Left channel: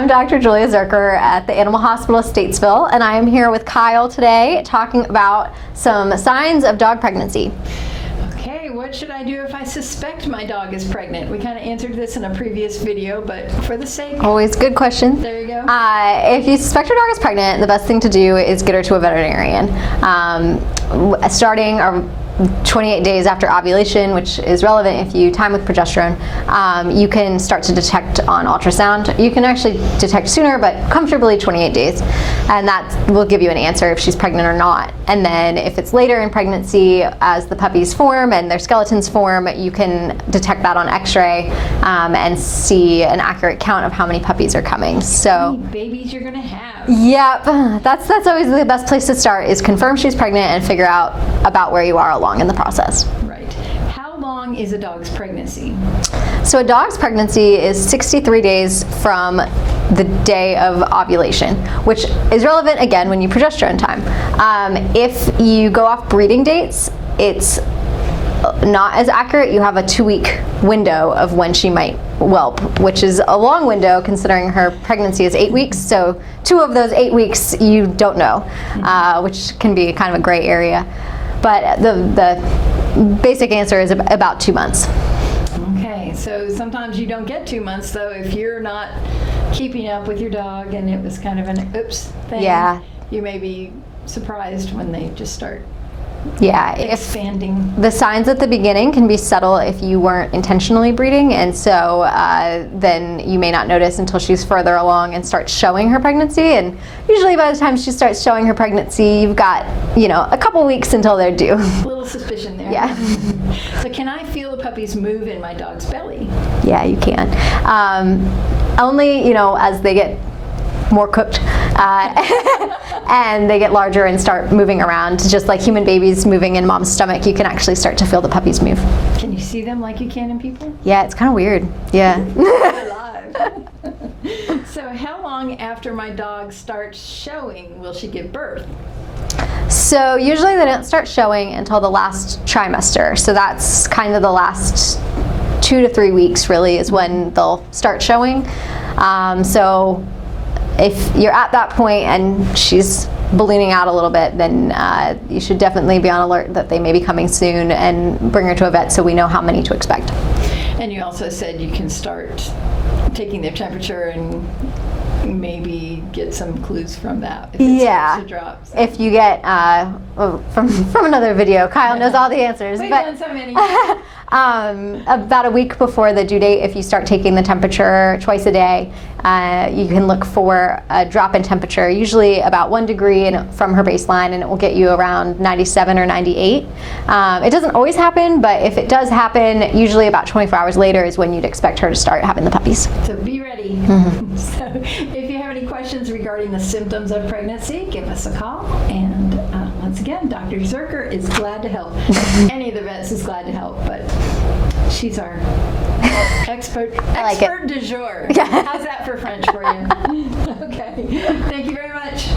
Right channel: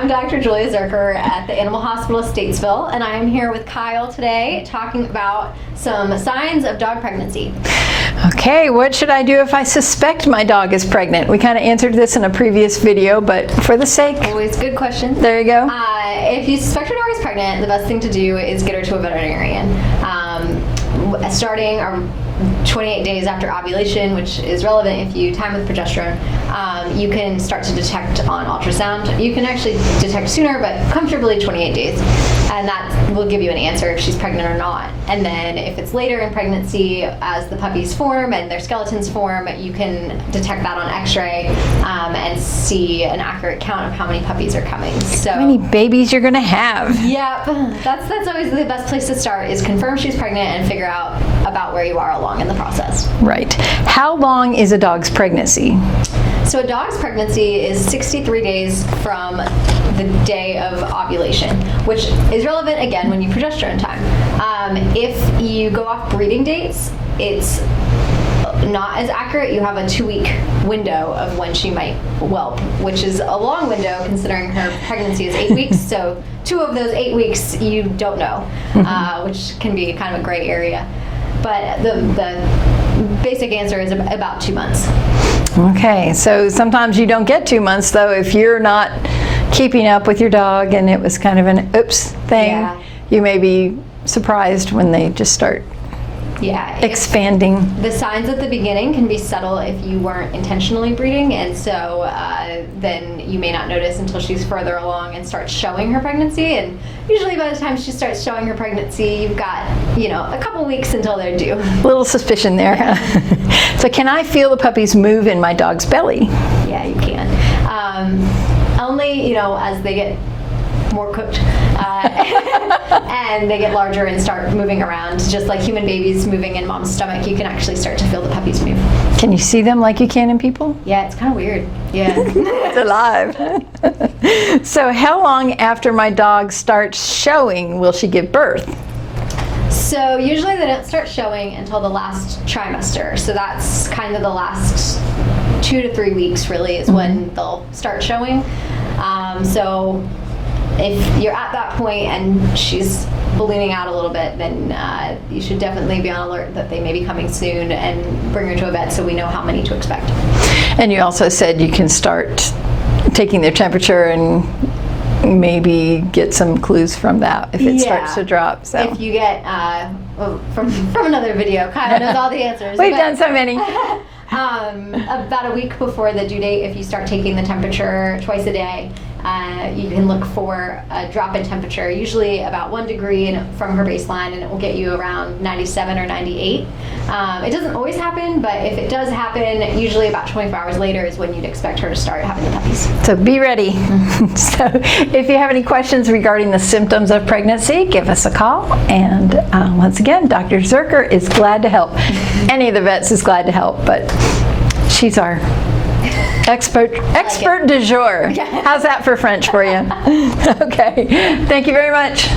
I'm Dr. Julia Zuercher at the Animal Hospital of Statesville, and I am here with Kyle today talking about some signs of dog pregnancy. Okay, what should I do if I suspect my dog is pregnant? We kind of answered this in a previous video, but for the sake. Always good question. There you go. If you suspect your dog is pregnant, the best thing to do is get her to a veterinarian. Starting 28 days after ovulation, which is relevant if you time with progesterone, you can start to detect on ultrasound. You can actually detect sooner, but comfortably 28 days. And that will give you an answer if she's pregnant or not. And then if it's later in pregnancy, as the puppies form and their skeletons form, you can detect that on x-ray and see an accurate count of how many puppies are coming. So how many babies you're gonna have. Yep, that's always the best place to start, is confirm she's pregnant and figure out about where you are along in the process. Right. How long is a dog's pregnancy? So a dog's pregnancy is 63 days from the day of ovulation, which is relevant again when you progesterone time. If you go off breeding dates, it's not as accurate. You have a 2-week window of when she might whelp, which is a long window considering her pregnancy is 8 weeks. So 2 of those 8 weeks you don't know, which can be kind of a gray area. But the basic answer is about 2 months. Okay, so sometimes you don't get 2 months though if you're not keeping up with your dog and it was kind of an oops thing. Yeah. You may be surprised when they just start expanding. The signs at the beginning can be subtle if you weren't intentionally breeding, and so then you may not notice until she's further along and starts showing her pregnancy. And usually by the time she starts showing her pregnancy, you've got, a couple weeks until they're due. A little suspicion there. Yeah. So can I feel the puppies move in my dog's belly? Yeah, you can. Only, as they get more cooked and they get larger and start moving around, just like human babies moving in mom's stomach, you can actually start to feel the puppies move. Can you see them like you can in people? Yeah, it's kind of weird. Yeah. It's alive. So how long after my dog starts showing will she give birth? So usually they don't start showing until the last trimester. So that's kind of the last 2 to 3 weeks really is when they'll start showing. So if you're at that point and she's ballooning out a little bit, then you should definitely be on alert that they may be coming soon and bring her to a vet so we know how many to expect. And you also said you can start taking their temperature and maybe get some clues from that if it starts to drop. So. If you get, from another video, Kyle knows all the answers. We've done so many. About a week before the due date, if you start taking the temperature twice a day, you can look for a drop in temperature, usually about 1 degree from her baseline, and it will get you around 97 or 98. It doesn't always happen, but if it does happen, usually about 24 hours later is when you'd expect her to start having the puppies. So be ready. So if you have any questions regarding the symptoms of pregnancy, give us a call. And once again, Dr. Zuercher is glad to help. Any of the vets is glad to help, but she's our expert du jour. How's that for French for you? Okay. Thank you very much.